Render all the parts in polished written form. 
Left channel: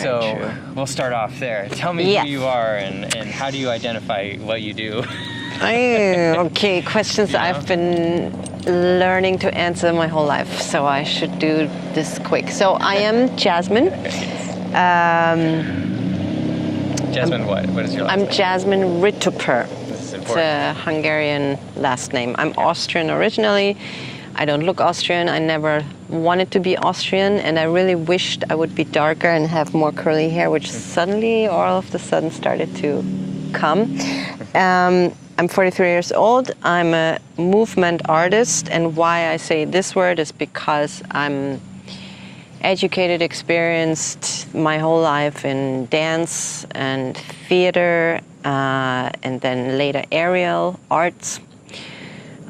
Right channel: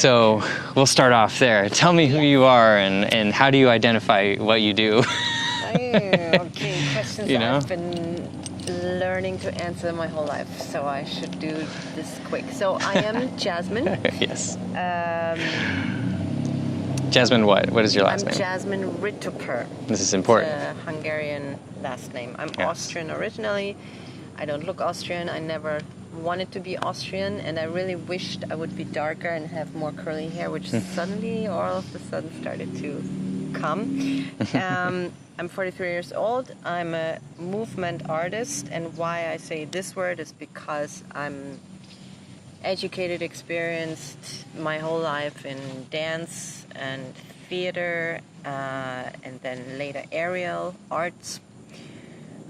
So we'll start off there. Tell me who you are and how do you identify what you do? Okay, questions You know? I've been learning to answer my whole life, so I should do this quick. So I am Jasmin. Yes. Jasmin what? What is your last name? I'm Jasmin Rituper. This is important. It's a Hungarian last name. I'm Austrian originally. I don't look Austrian. I never wanted to be Austrian, and I really wished I would be darker and have more curly hair, which suddenly, all of a sudden, started to come. I'm 43 years old. I'm a movement artist, and why I say this word is because I'm educated, experienced my whole life in dance and theater, and then later aerial arts.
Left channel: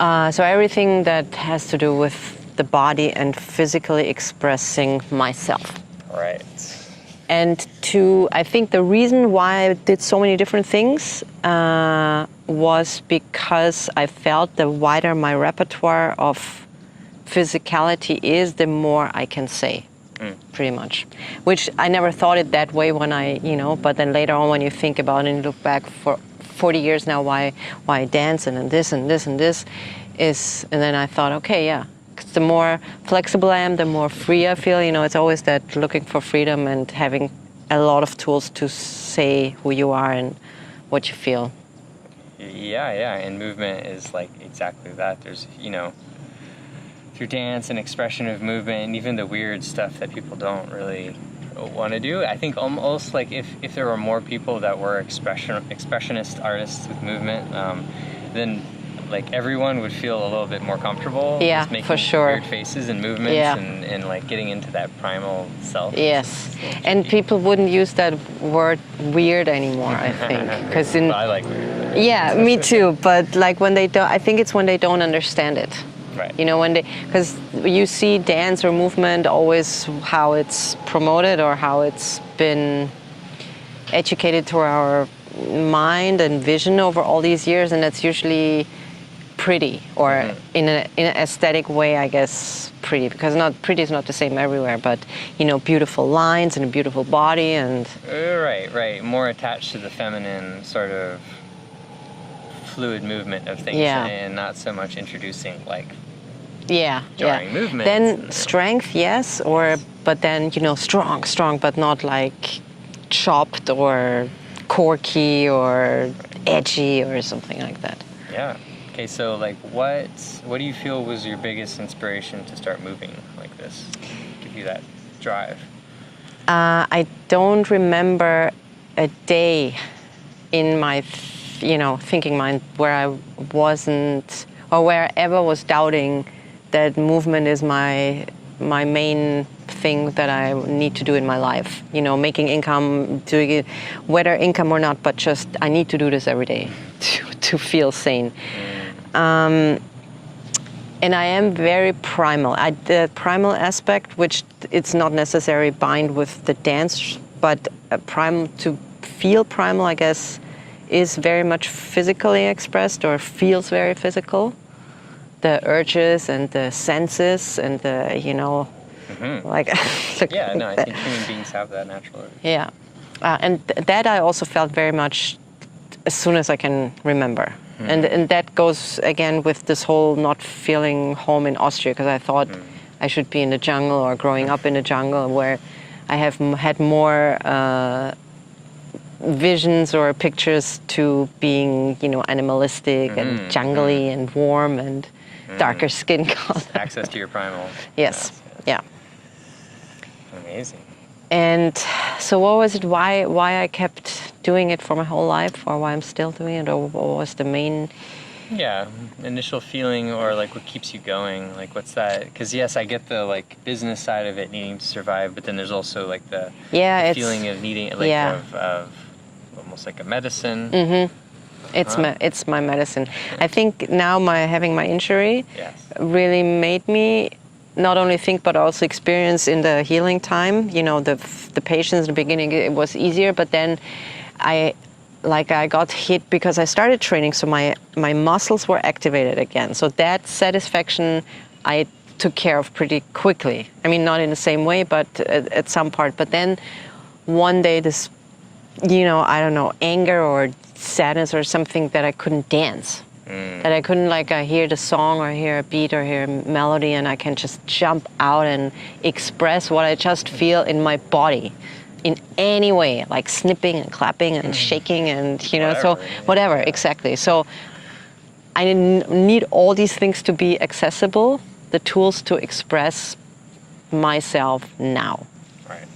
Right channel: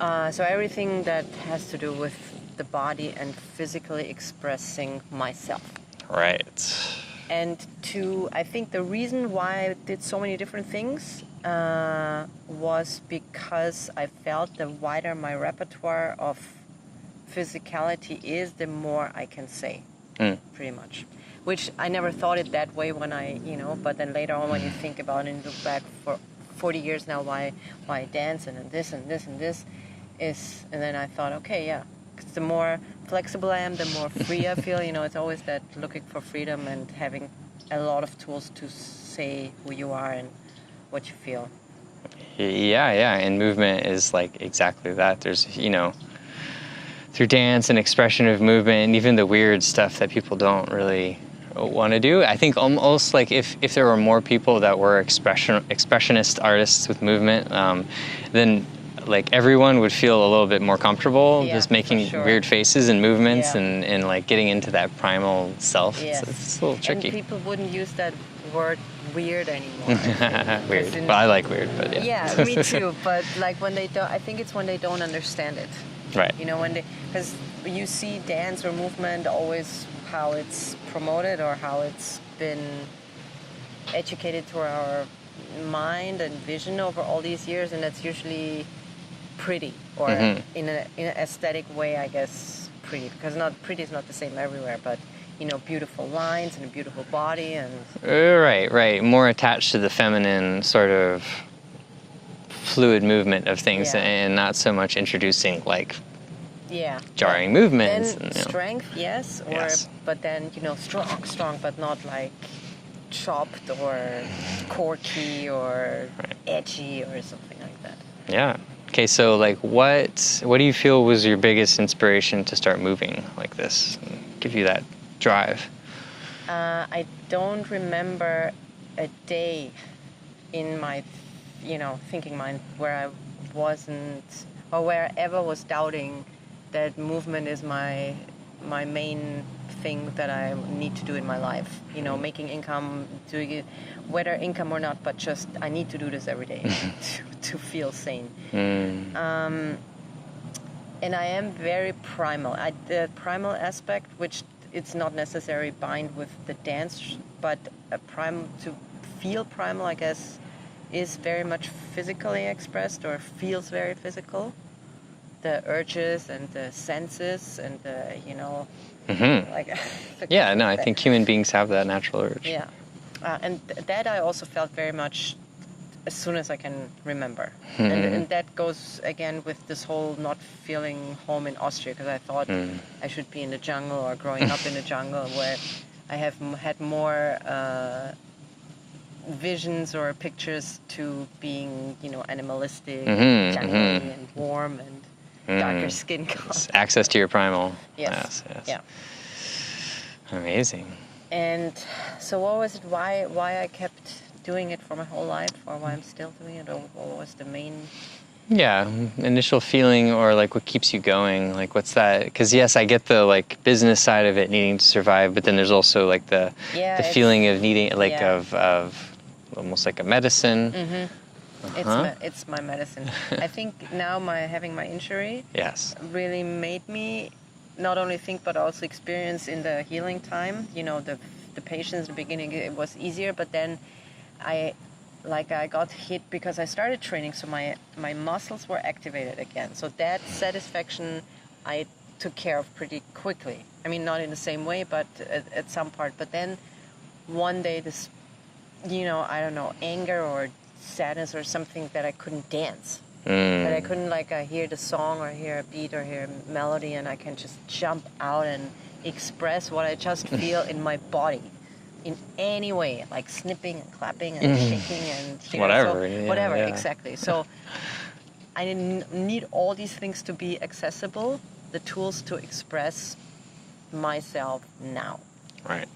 So everything that has to do with the body and physically expressing myself. Right. And I think the reason why I did so many different things was because I felt the wider my repertoire of physicality is, the more I can say, pretty much. Which I never thought it that way when but then later on when you think about it and look back for 40 years now, why I dance and this and this and this is, and then I thought, okay, yeah. 'Cause the more flexible I am, the more free I feel. It's always that looking for freedom and having a lot of tools to say who you are and what you feel. Yeah, and movement is like exactly that. There's, through dance and expression of movement and even the weird stuff that people don't really want to do. I think almost like if there were more people that were expressionist artists with movement, then like everyone would feel a little bit more comfortable just making weird faces and movements and like getting into that primal self. Yes, it's a little tricky. and people wouldn't use that word weird anymore, I think. Well, I like weird, but yeah, me too. But like when they don't, I think it's when they don't understand it. Right. Because you see dance or movement always how it's promoted or how it's been educated to our mind and vision over all these years, and that's usually pretty or in an aesthetic way, I guess, pretty, because pretty is not the same everywhere, but beautiful lines and a beautiful body and right, more attached to the feminine sort of fluid movement of things and not so much introducing like jarring movements. Then strength, yes, but then strong, but not like chopped or corky or edgy or something like that. Yeah. Okay, so like what do you feel was your biggest inspiration to start moving like this? Give you that drive? I don't remember a day in my thinking mind where I wasn't, or where I ever was doubting that movement is my main thing that I need to do in my life. Making income, doing it, whether income or not, but just I need to do this every day to feel sane. And I am very primal. The primal aspect, which it's not necessarily bind with the dance, but to feel primal, I guess, is very much physically expressed or feels very physical. The urges and the senses and the, like... I think human beings have that natural urge. Yeah. And that I also felt very much as soon as I can remember. And that goes, again, with this whole not feeling home in Austria, because I thought I should be in the jungle or growing up in the jungle, where I have had more visions or pictures to being, animalistic and jungly and warm and darker skin color. Access to your primal. Yes. Yeah. Amazing. And so what was it, why I kept doing it for my whole life, or why I'm still doing it, or what was the main... Yeah, initial feeling, or like what keeps you going, like what's that? Because yes, I get the like business side of it, needing to survive, but then there's also like the feeling of needing, like of almost like a medicine. It's my medicine. I think now having my injury really made me not only think but also experience in the healing time. The patients in the beginning, it was easier, but then I got hit because I started training, so my muscles were activated again. So that satisfaction I took care of pretty quickly. I mean, not in the same way, but at some part. But then one day this, I don't know, anger or sadness or something that I couldn't dance. That I couldn't hear the song or hear a beat or hear a melody and I can just jump out and express what I just feel in my body in any way, like snipping and clapping and shaking and, whatever, exactly. So I need all these things to be accessible, the tools to express myself now. Right.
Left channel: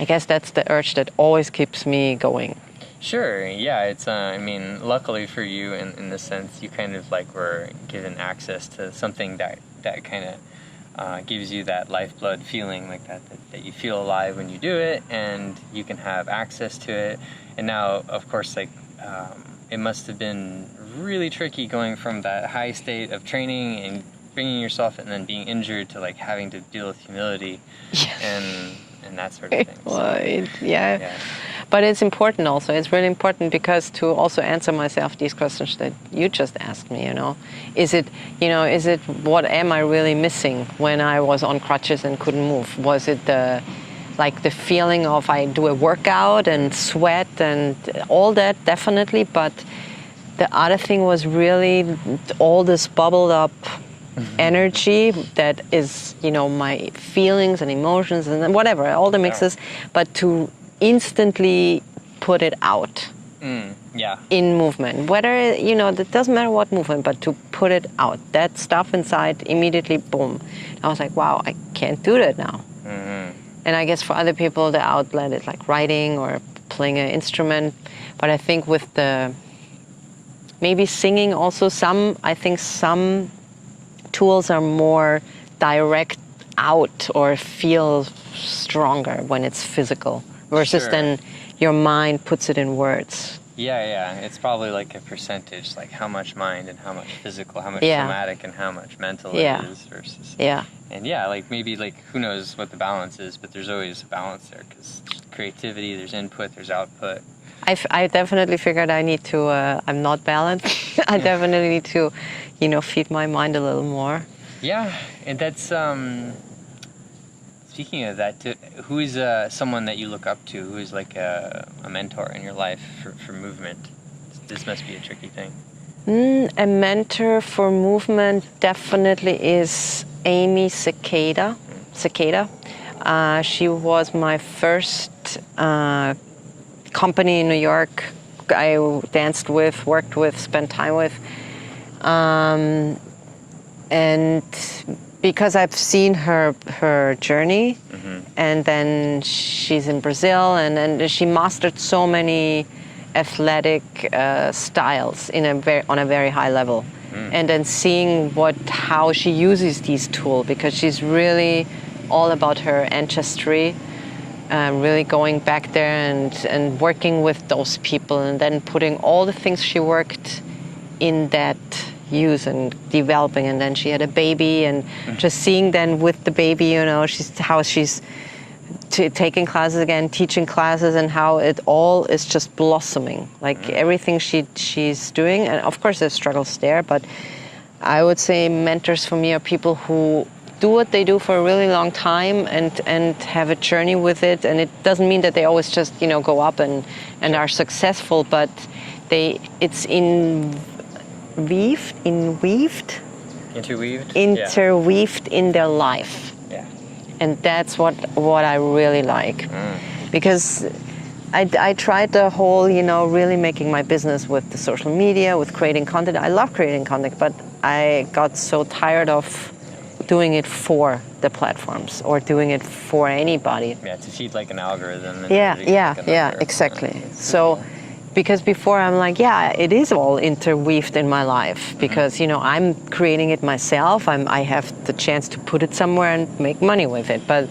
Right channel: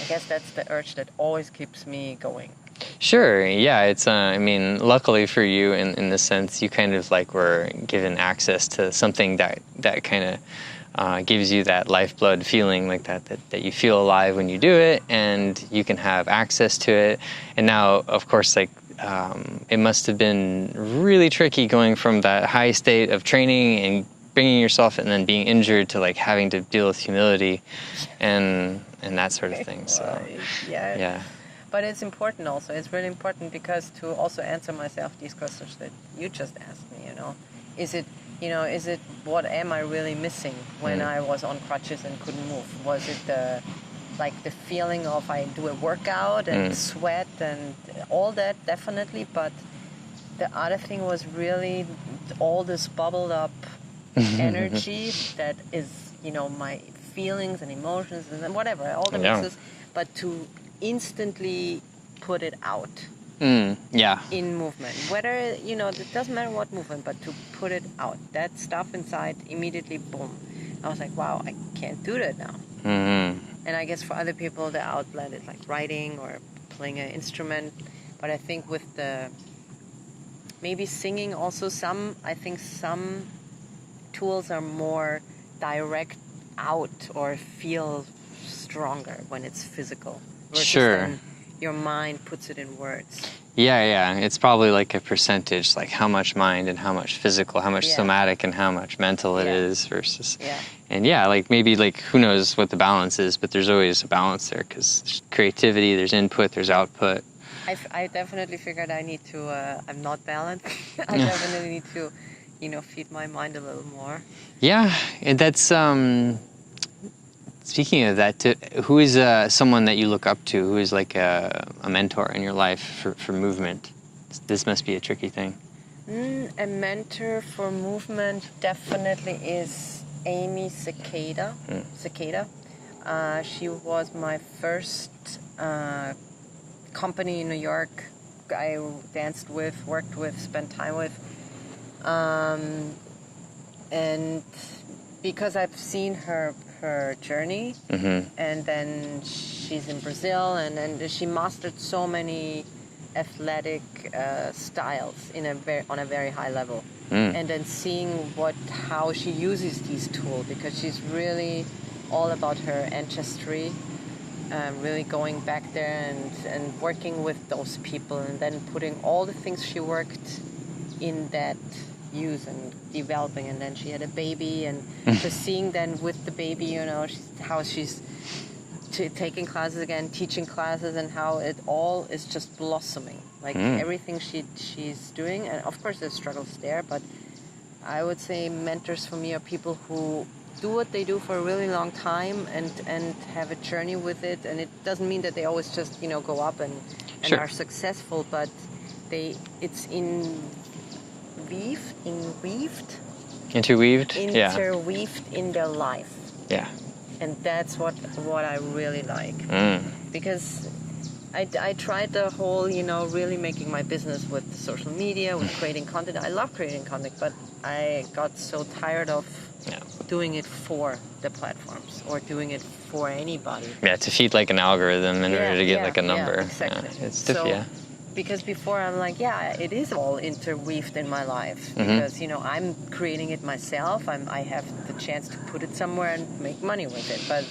I guess that's the urge that always keeps me going. Sure, yeah, it's, luckily for you in the sense you kind of were given access to something that kind of gives you that lifeblood feeling like that you feel alive when you do it and you can have access to it. And now, of course, it must have been really tricky going from that high state of training and bringing yourself and then being injured to having to deal with humility and that sort of thing. So, yeah. But it's important also. It's really important because to also answer myself these questions that you just asked me, is it what am I really missing when I was on crutches and couldn't move? Was it the feeling of I do a workout and sweat and all that, definitely. But the other thing was really all this bubbled up energy that is, my feelings and emotions and whatever, all the mixes, but to instantly put it out in movement. Whether, it doesn't matter what movement, but to put it out. That stuff inside, immediately, boom. I was like, wow, I can't do that now. And I guess for other people, the outlet is writing or playing an instrument. But I think with maybe singing also, I think some tools are more direct out or feel stronger when it's physical. Versus then your mind puts it in words. Yeah. It's probably a percentage, how much mind and how much physical, how much somatic and how much mental it is versus. Yeah. And maybe who knows what the balance is, but there's always a balance there because there's creativity, there's input, there's output. I definitely figured I need to, I'm not balanced. I definitely need to, feed my mind a little more. Yeah, and that's, speaking of that, who is someone that you look up to? Who is a mentor in your life for movement? This must be a tricky thing. A mentor for movement definitely is Amy Cicada. She was my first company in New York I danced with, worked with, spent time with. And because I've seen her journey, and then she's in Brazil, and then she mastered so many athletic styles on a very high level, and then seeing how she uses these tools, because she's really all about her ancestry, really going back there and working with those people, and then putting all the things she worked in that use and developing. And then she had a baby, and just seeing then with the baby, how she's taking classes again, teaching classes, and how it all is just blossoming. Everything she's doing, and of course there's struggles there, but I would say mentors for me are people who do what they do for a really long time and have a journey with it. And it doesn't mean that they always just go up and are successful, but it's interweaved in their life. Yeah. And that's what I really like. Because I tried the whole, really making my business with the social media, with creating content. I love creating content, but I got so tired of doing it for the platforms or doing it for anybody. Yeah, to feed an algorithm in order to get a number. Yeah, exactly. Because before I'm it is all interweaved in my life, because I'm creating it myself. I have the chance to put it somewhere and make money with it. But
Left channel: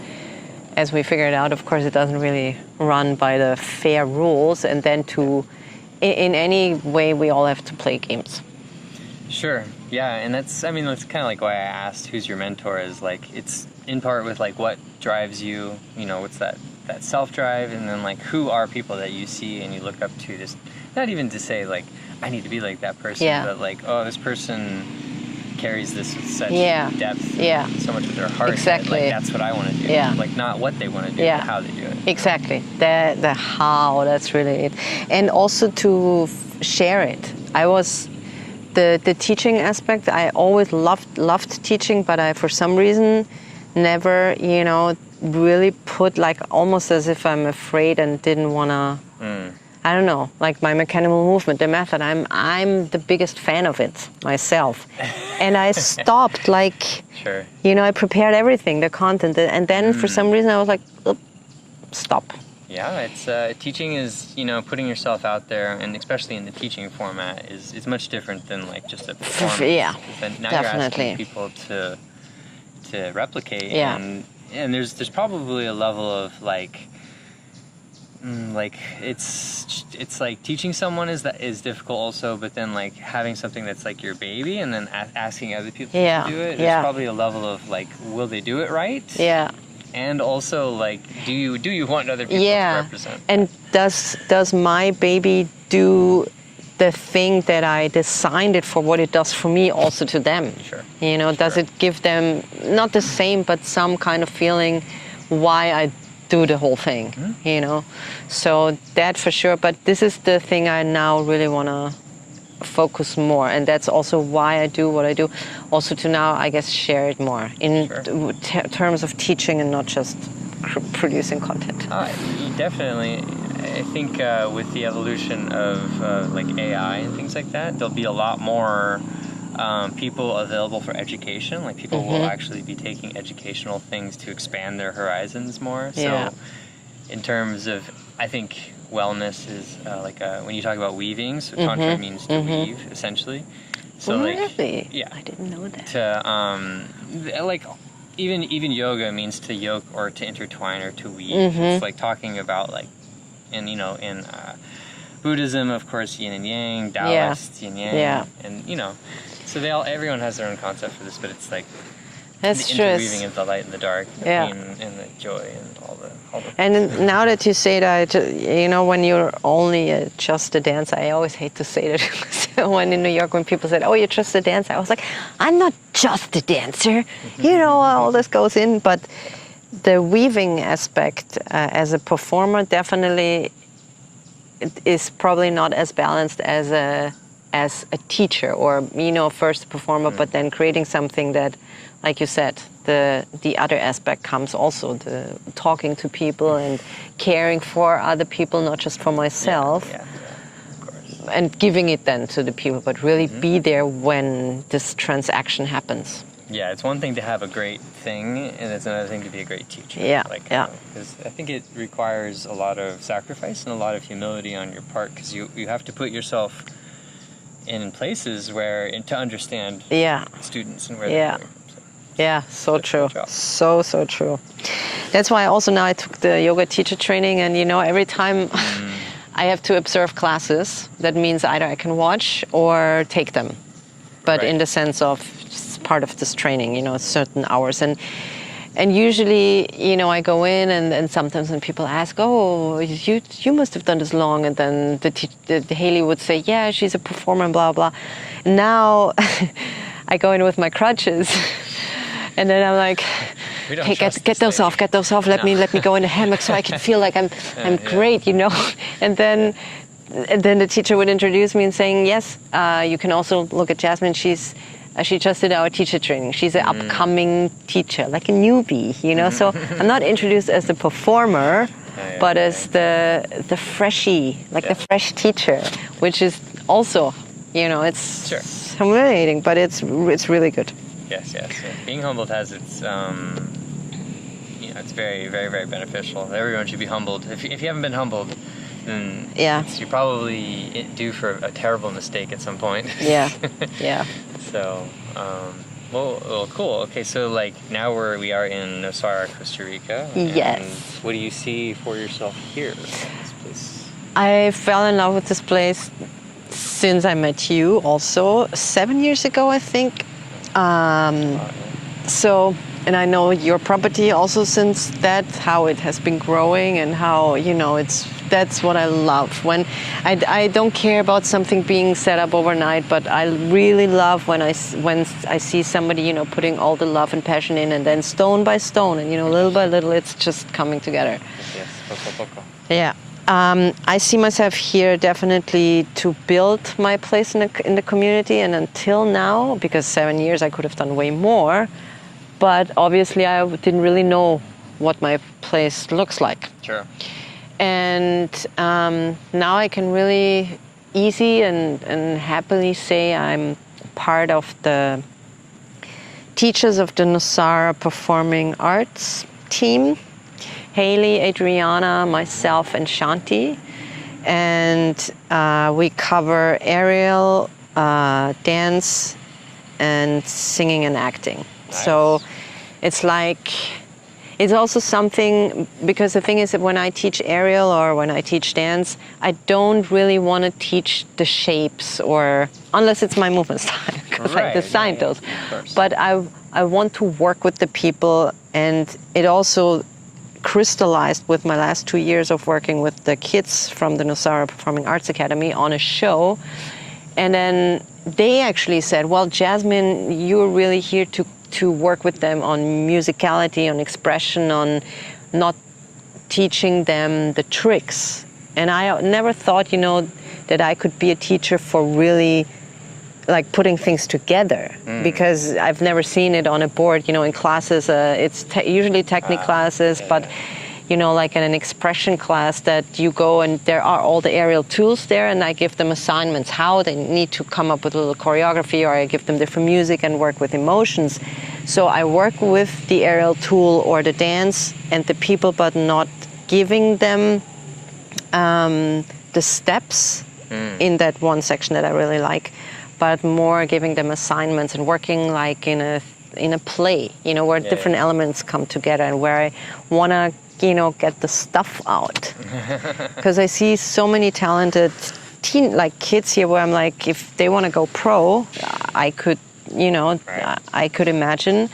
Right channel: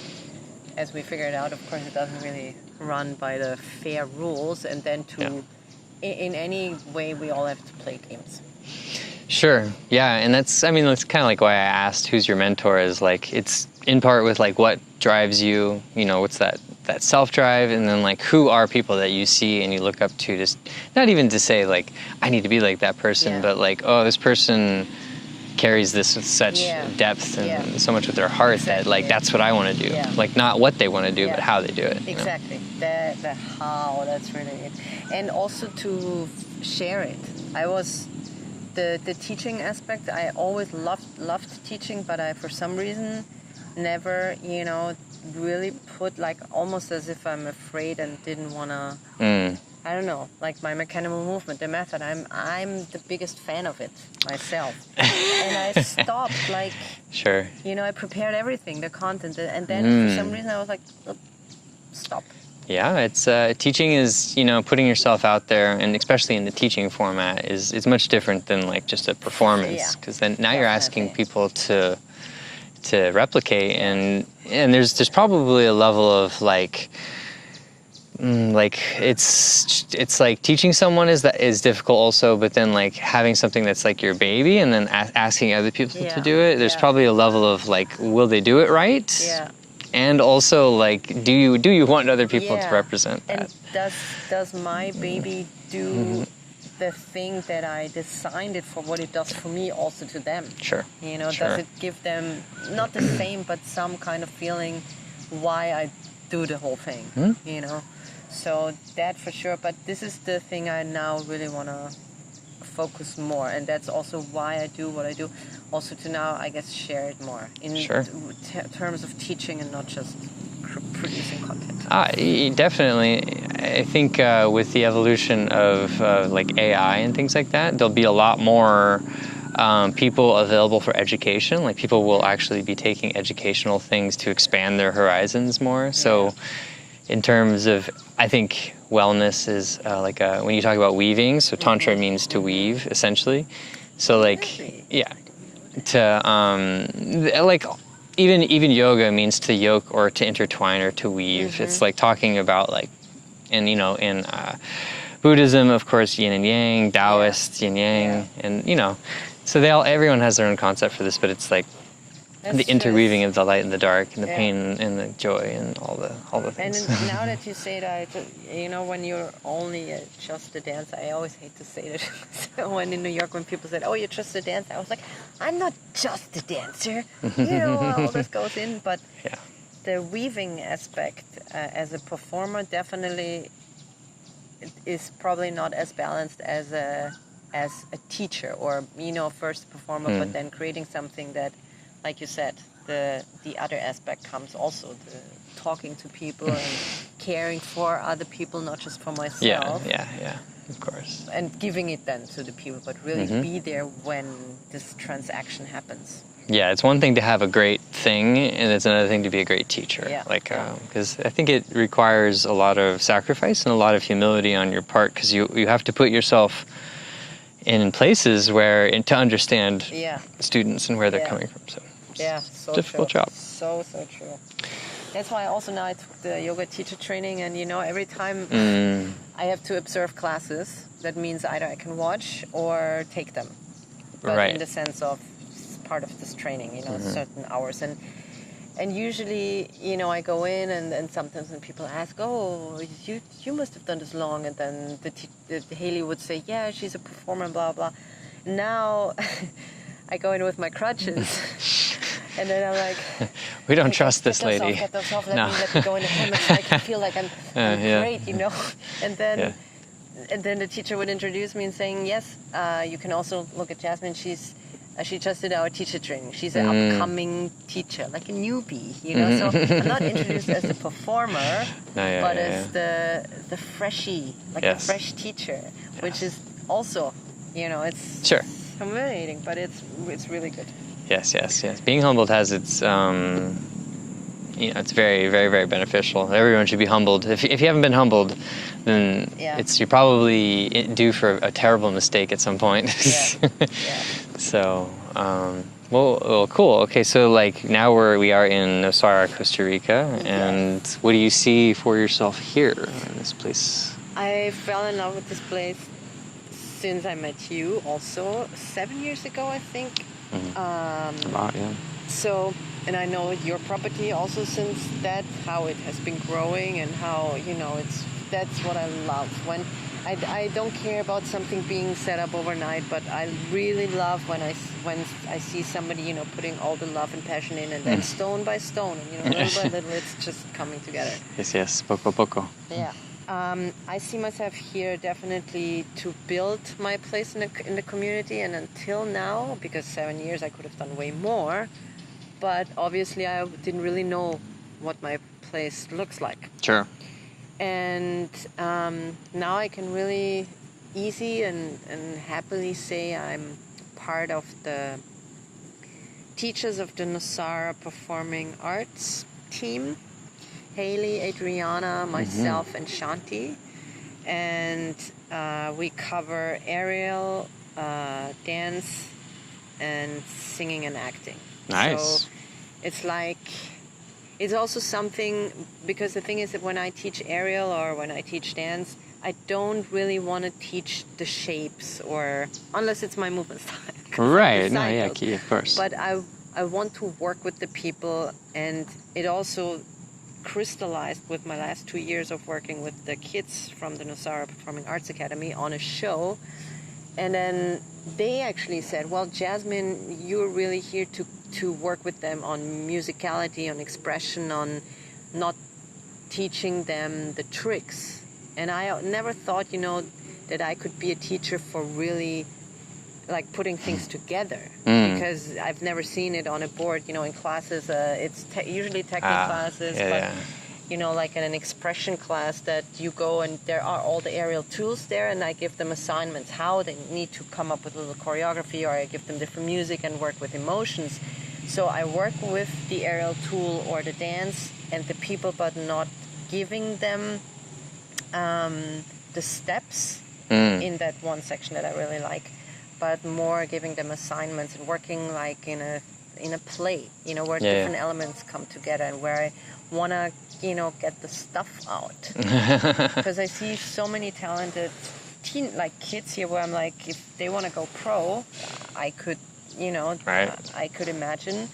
as we figured out, of course, it doesn't really run by the fair rules. And then in any way, we all have to play games. Sure. Yeah, and that's kind of why I asked who's your mentor, is it's in part with what drives you, what's that self-drive, and then who are people that you see and you look up to, just not even to say I need to be like that person, but oh, this person carries this with such depth and so much with their heart that like that's what I want to do. Like not what they want to do, but how they do it. Exactly. The how, that's really it. And also to share it. I was the teaching aspect. I always loved teaching, but I for some reason never, you know, really put like almost as if I'm afraid and didn't want to. I don't know, like my mechanical movement, the method. I'm the biggest fan of it myself, and I stopped. Like, you know, I prepared everything, the content, and then for some reason I was like, stop. Yeah, it's teaching is, you know, putting yourself out there, and especially in the teaching format is much different than like just a performance. Because then now you're asking people to replicate, and there's probably a level of like it's like teaching someone is difficult also, but then like having something that's like your baby and then asking other people to do it, there's probably a level of like, will they do it right? And also like, do you want other people to represent that? And does my baby do the thing that I designed it for, what it does for me, also to them? You know, does it give them not the same, but some kind of feeling why I do the whole thing, you know? So that for sure, but this is the thing I now really want to focus more, and that's also why I do what I do, also to now, I guess, share it more in terms of teaching and not just producing content. Definitely. I think with the evolution of like AI and things like that, there'll be a lot more people available for education. Like people will actually be taking educational things to expand their horizons more. So in terms of, I think wellness is like when you talk about weaving, so tantra means to weave essentially. So really? I didn't know that. To like even yoga means to yoke or to intertwine or to weave. It's like talking about like, and you know, in Buddhism, of course, yin and yang, Taoist, yin yang, and you know, so everyone has their own concept for this, but it's like the interweaving of the light and the dark, and the pain and the joy, and all the things. And now that you say that, you know, when you're only just a dancer, I always hate to say that. So when in New York, when people said, "Oh, you're just a dancer," I was like, "I'm not just a dancer." You know, all this goes in, but the weaving aspect as a performer definitely is probably not as balanced as a teacher, or, you know, first a performer, but then creating something that, like you said, the other aspect comes also, the talking to people and caring for other people, not just for myself. Yeah, of course. And giving it then to the people, but really be there when this transaction happens. Yeah, it's one thing to have a great thing, and it's another thing to be a great teacher. Because I think it requires a lot of sacrifice and a lot of humility on your part, because you have to put yourself in places where, to understand students and where they're coming from. So so true. Job. So true. That's why also now I took the yoga teacher training, and you know, every time I have to observe classes, that means either I can watch or take them. But in the sense of it's part of this training, you know, certain hours. And usually, you know, I go in and sometimes when people ask, "Oh, you must have done this long," and then the Haley would say, "Yeah, she's a performer," and blah blah. Now I go in with my crutches, and then I'm like, "We don't trust get those off, get those off. Let me go in the hammock so I can feel like I'm great, you know." And then the teacher would introduce me and saying, "Yes, you can also look at Jasmin. She just did our teacher training. She's an upcoming teacher, like a newbie, you know." So I'm not introduced as the performer, but as the freshie, like the fresh teacher, which is also, you know, it's humiliating, but it's really good. Yes. Being humbled has its, you know, it's very, very, very beneficial. Everyone should be humbled. If you haven't been humbled, then you're probably due for a terrible mistake at some point. So, well, cool. Okay, so like now we are in Nosara, Costa Rica, and what do you see for yourself here in this place? I fell in love with this place since I met you, also 7 years ago, I think. So and I know your property also since that, how it has been growing and how, you know, that's what I love. When I don't care about something being set up overnight, but I really love when I see somebody, you know, putting all the love and passion in, and then stone by stone, and, you know, little by little, it's just coming together. Yes, poco poco. Yeah. I see myself here definitely to build my place in the community, and until now, because 7 years I could have done way more, but obviously I didn't really know what my place looks like. Sure. And now I can really easy and happily say I'm part of the teachers of the Nosara Performing Arts team. Haley, Adriana, myself, and Shanti. And we cover aerial, dance, and singing and acting. Nice. So it's like, it's also something, because the thing is that when I teach aerial or when I teach dance, I don't really want to teach the shapes, or unless it's my movement style, because I designed those. Of course. But I want to work with the people, and it also crystallized with my last 2 years of working with the kids from the Nosara Performing Arts Academy on a show. And then they actually said, well, Jasmin, you're really here to work with them on musicality, on expression, on not teaching them the tricks. And I never thought, you know, that I could be a teacher for really like putting things together, because I've never seen it on a board, you know, in classes. It's usually technique classes, but you know, like in an expression class that you go and there are all the aerial tools there, and I give them assignments how they need to come up with a little choreography, or I give them different music and work with emotions. So I work with the aerial tool or the dance and the people, but not giving them the steps in that one section that I really like, but more giving them assignments and working like in a play, you know, where different elements come together, and where I want to, you know, get the stuff out. Because I see so many talented kids here where I'm like, if they want to go pro, I could, you know, I could imagine.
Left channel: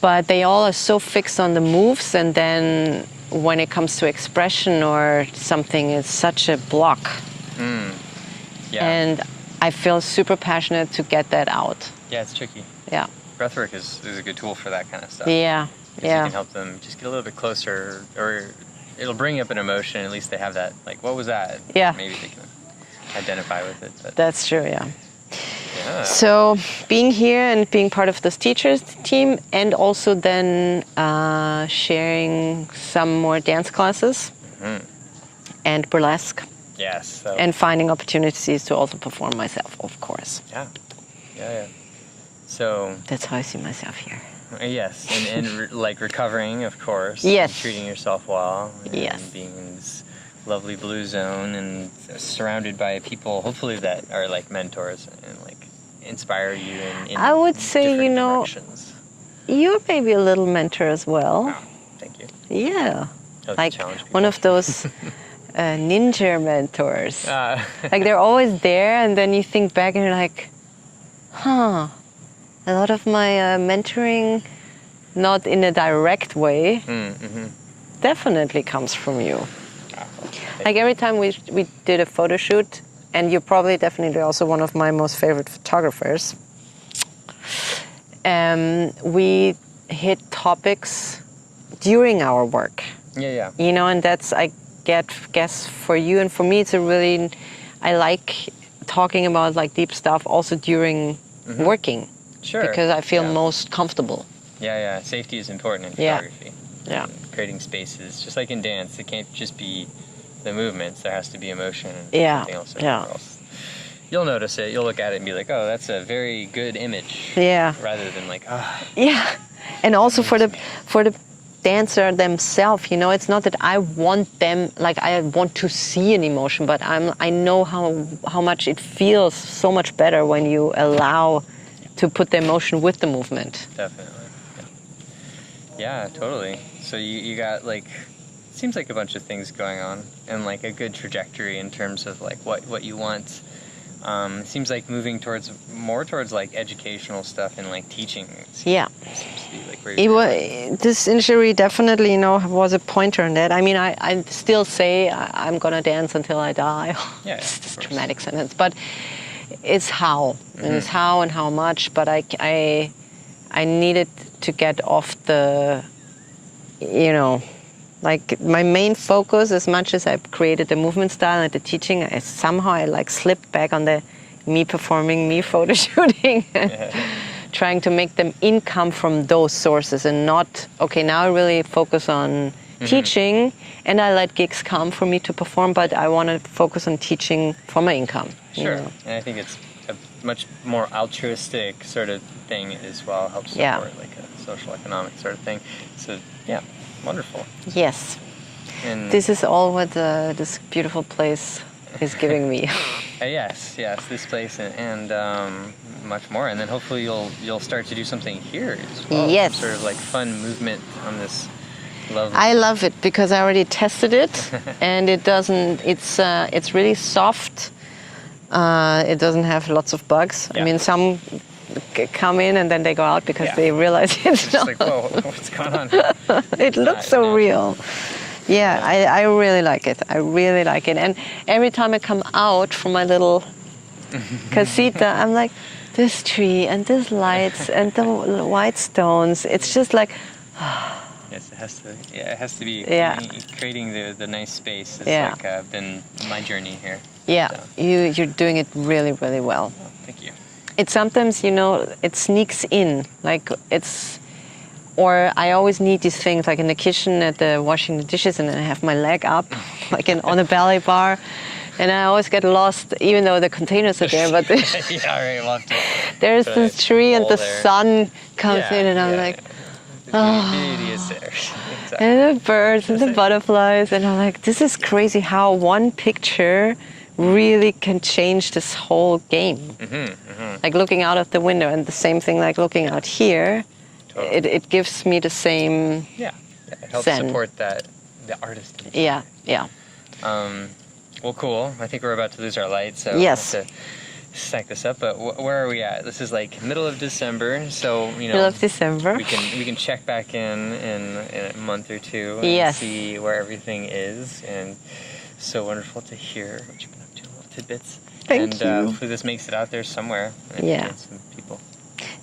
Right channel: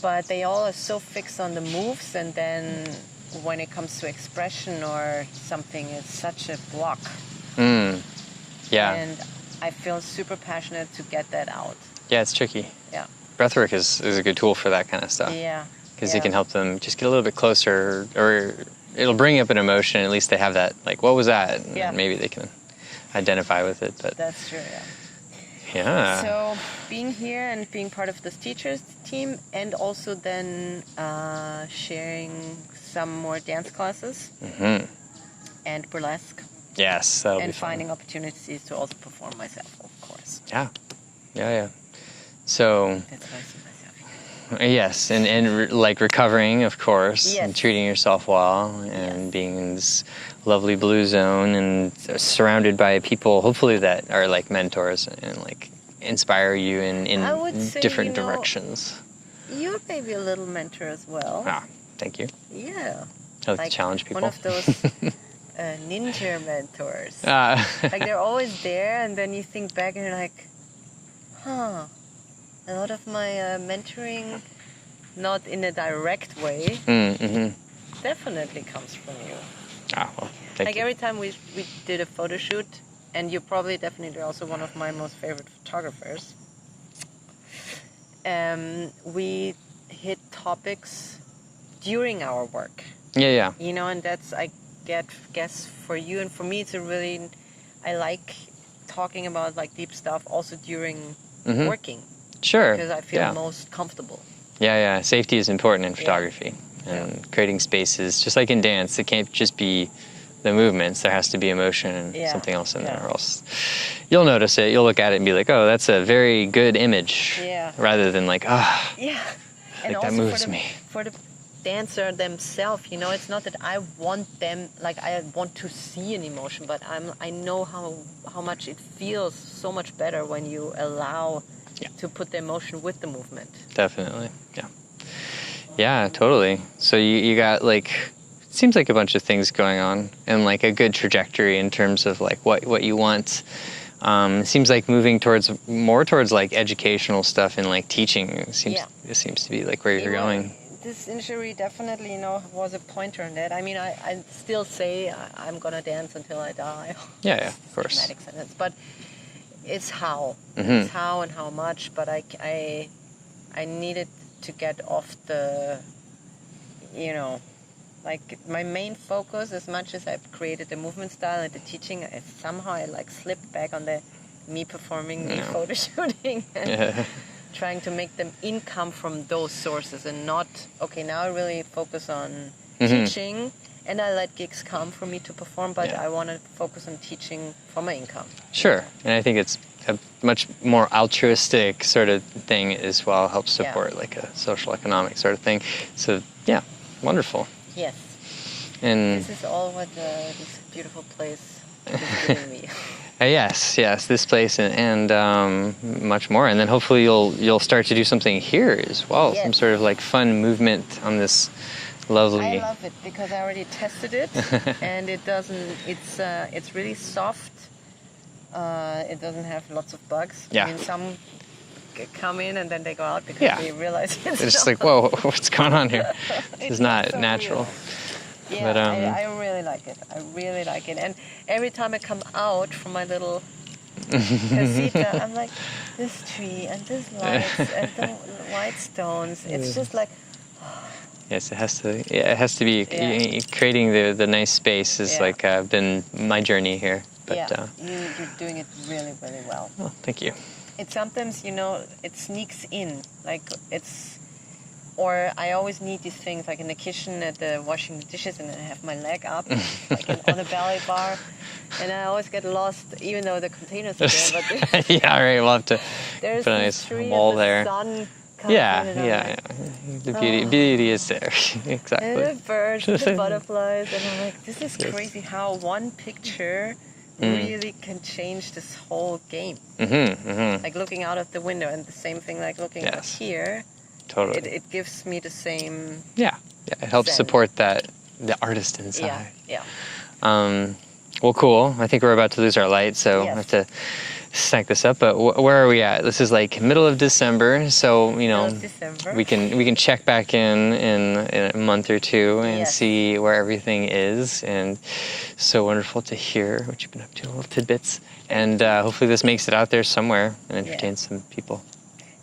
But they all are so fixed on the moves, and then when it comes to expression or something, it's such a block. And I feel super passionate to get that out. Yeah, it's tricky. Yeah. Breathwork is a good tool for that kind of stuff. Yeah. Because it can help them just get a little bit closer, or it'll bring up an emotion. At least they have that, like, what was that? Yeah. Maybe they can identify with it. But that's true, yeah. Yeah. So being here and being part of this teachers team, and also then sharing some more dance classes and burlesque. Yes. And finding opportunities to also perform myself, of course. Yeah. So that's how I see myself here. Yes, and like recovering, of course. Yes. And treating yourself well. And being in this lovely blue zone and surrounded by people, hopefully, that are like mentors and like inspire you in I would say, different you know, directions. You're maybe a little mentor as well. Ah, thank you. Yeah. I like to challenge people. One of those ninja mentors. Like they're always there, and then you think back and you're like, huh. A lot of my mentoring, not in a direct way, definitely comes from you. Like every time we did a photo shoot, and you're probably definitely also one of my most favorite photographers, we hit topics during our work. Yeah. You know, and that's, I guess for you and for me, it's a really, I like talking about like deep stuff also during working. Sure. Because I feel most comfortable. Yeah. Safety is important in photography. Yeah. And creating spaces, just like in dance, it can't just be the movements. There has to be emotion and something else in there, or else you'll notice it. You'll look at it and be like, oh, that's a very good image. Yeah. Rather than like, Yeah. And also for the dancer themselves, you know, it's not that I want them, like I want to see an emotion, but I know how much it feels so much better when you allow to put the emotion with the movement. Definitely, yeah, totally. So you got like, it seems like a bunch of things going on, and like a good trajectory in terms of like what you want It seems like moving more towards like educational stuff and like teaching. It seems to be like where you're going. This injury definitely, was a pointer in that. I mean, I still say I'm gonna dance until I die. Yeah, It's of course. a dramatic sentence, but it's how. And it's how and how much. But I needed to get off the, like my main focus, as much as I've created the movement style and the teaching, somehow I like slipped back on the me performing, me photo shooting, trying to make them income from those sources and not, okay, now I really focus on teaching and I let gigs come for me to perform, but I want to focus on teaching for my income. Sure, and I think it's a much more altruistic sort of thing as well, helps support like a social economic sort of thing. So yeah, wonderful. Yes. And this is all what this beautiful place is giving me. yes, this place and much more, and then hopefully you'll start to do something here as well. Yes. Some sort of like fun movement on this lovely. I love it because I already tested it, and it doesn't. It's really soft. It doesn't have lots of bugs. Yeah. I mean, some come in and then they go out because they realize it's just like, whoa, what's going on here? It looks so natural. Real. Yeah, But, I really like it. I really like it. And every time I come out from my little casita, I'm like, this tree and this lights and the white stones. It's just like. Yes, it has to be. Creating the nice space is like been my journey here. But, you're doing it really, really well. Well, thank you. It sometimes, it sneaks in, or I always need these things, like in the kitchen at the washing the dishes, and then I have my leg up, on a belly bar, and I always get lost, even though the containers are there. But yeah, right. We'll have to. There's this tree, and the sun comes in, and I'm like. The beauty is there. Exactly. And the birds and the butterflies, and I'm like, this is crazy how one picture really can change this whole game. Like looking out of the window, and the same thing like looking out here. Totally. It gives me the same. Yeah, it helps support the artist inside. Yeah. Well, cool. I think we're about to lose our light, so we'll have to stack this up. But where are we at? This is like middle of December, so middle of December. We can check back in a month or two and see where everything is. And so wonderful to hear what you've been up to, little tidbits. Thank you. Hopefully this makes it out there somewhere and entertains some people.